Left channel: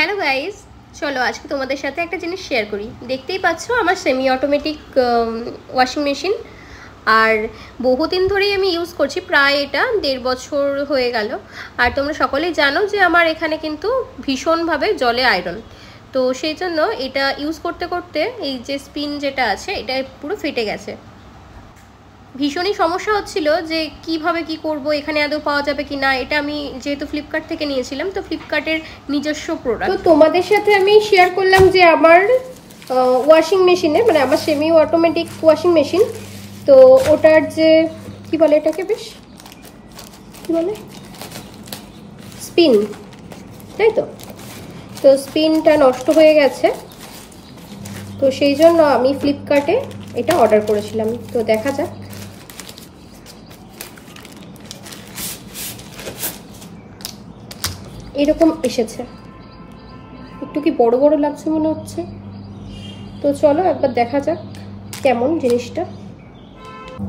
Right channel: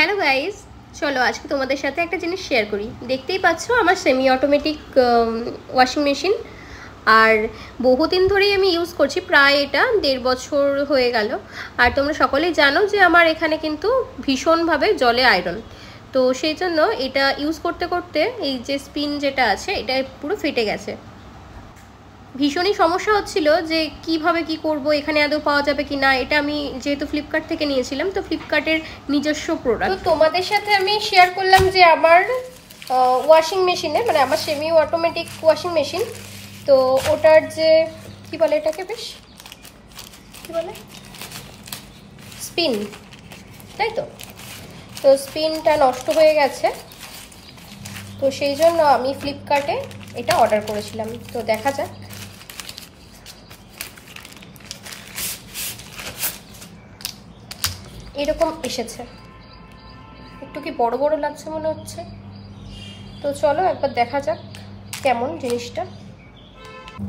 Hello guys, চলো আজকে তোমাদের সাথে একটা জিনিস শেয়ার করি। দেখতেই পাচ্ছ আমার সেমি অটোমেটিক ওয়াশিং মেশিন, আর বহুদিন ধরেই আমি ইউজ করছি, প্রায় এটা 1.5 বছর হয়ে গেল। আর তোমরা সকলেই জানো যে আমার এখানে কিন্তু ভীষণভাবে জলে আয়রন, তো সেই জন্য এটা ইউজ করতে করতে এই যে স্পিন যেটা আছে এটা পুরো ফেটে গেছে। ভীষণই সমস্যা হচ্ছিল যে কিভাবে কি করব, এখানে আদৌ পাওয়া যাবে কি না। এটা আমি যেহেতু ফ্লিপকার্ট থেকে নিয়েছিলাম, তো ফ্লিপকার্টের নিজস্ব প্রোডাক্ট। তো তোমাদের সাথে আমি শেয়ার করলাম যে আমার ওয়াশিং মেশিনে, মানে আমার সেমি অটোমেটিক ওয়াশিং মেশিন, তো ওটার যে কি বলে এটাকে, বেশ কি বলে, স্পিন, তাই তো। তো স্পিনটা নষ্ট হয়ে গেছে, তো সেই জন্য আমি ফ্লিপকার্টে এটা অর্ডার করেছিলাম। তো দেখা যাক। এরকম এসেছে, একটু কি বড় বড় লাগছে মনে হচ্ছে। তো চলো একবার দেখা যাক কেমন জিনিসটা।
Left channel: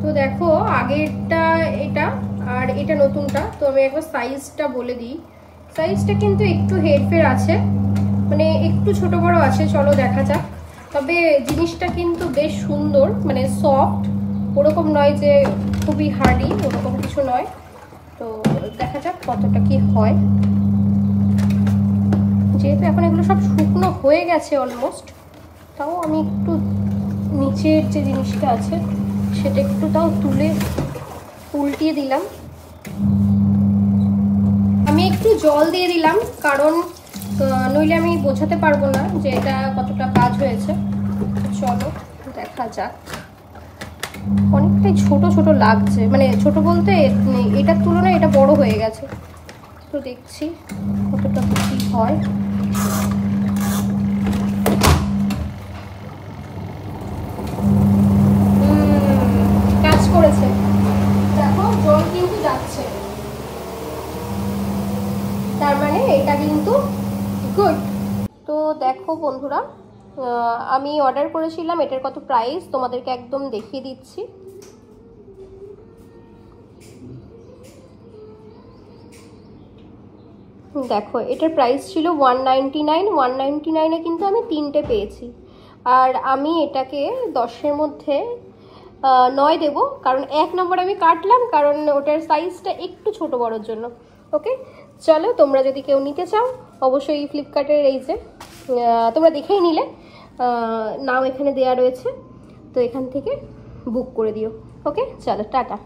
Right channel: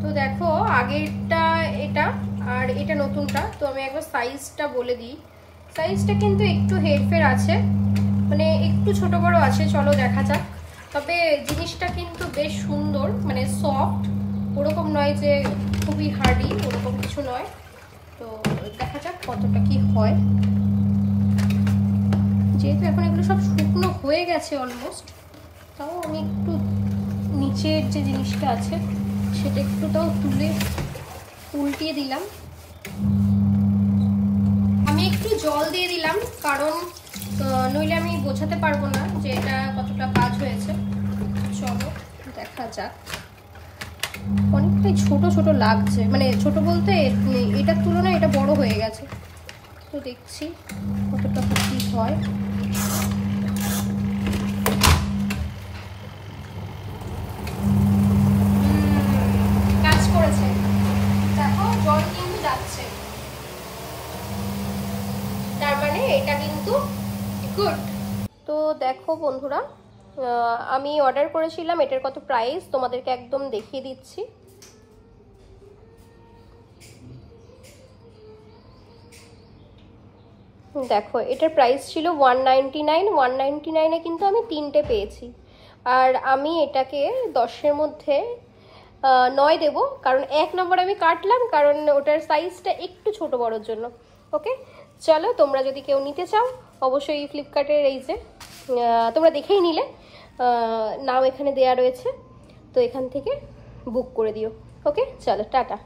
তো দেখো, আগেরটা এটা আর এটা নতুনটা। তো আমি একবার সাইজটা বলে দিই। সাইজটা কিন্তু একটু হেরফের আছে, মানে একটু ছোট বড় আছে। চলো দেখা যাক। তবে জিনিসটা কিন্তু বেশ সুন্দর, মানে সফট, ওরকম নয় যে খুবই হার্ডি, ওরকম কিছু নয়। তো দেখা যাক কতটা কি হয়। যেহেতু এখন এগুলো সব শুকনো হয়ে গেছে অলমোস্ট, তাও আমি একটু নিচের যে জিনিসটা আছে সেটা একটু তাও তুলে উল্টিয়ে দিলাম। আমি একটু জল দিয়ে দিলাম, কারণ নইলে আমি বোঝাতে পারবো না যে এটা কতটা কাজ হয়েছে। চলো দেখা যাক। অনেকটাই ছোট ছোট লাগছে, মানে ছোট বলতে এটার তুলনায় এটা বড় হয়ে গেছে। তো দেখছি কতটা কি হয়। কাজ করেছে, দেখো জল কিন্তু যাচ্ছে, তার মানে এটা কিন্তু গুড। তো দেখো বন্ধুরা, আমি অর্ডার করেছিলাম, এটার কত প্রাইস তোমাদেরকে একদম দেখিয়ে দিচ্ছি। দেখো, এটার প্রাইস ছিল 199। 199-এ কিন্তু আমি 3টে পেয়েছি। আর আমি এটাকে 10-এর মধ্যে 9 দেব, কারণ 1 নম্বরে আমি কাটলাম, কারণ ওটার সাইজটা একটু ছোট বড়োর জন্য। ওকে, চলো তোমরা যদি কেউ নিতে চাও অবশ্যই ফ্লিপকার্টের এই যে তোমরা দেখেই নিলে, নাম এখানে দেয়া রয়েছে, তো এখান থেকে বুক করে দিও। ওকে, চলো টাটা।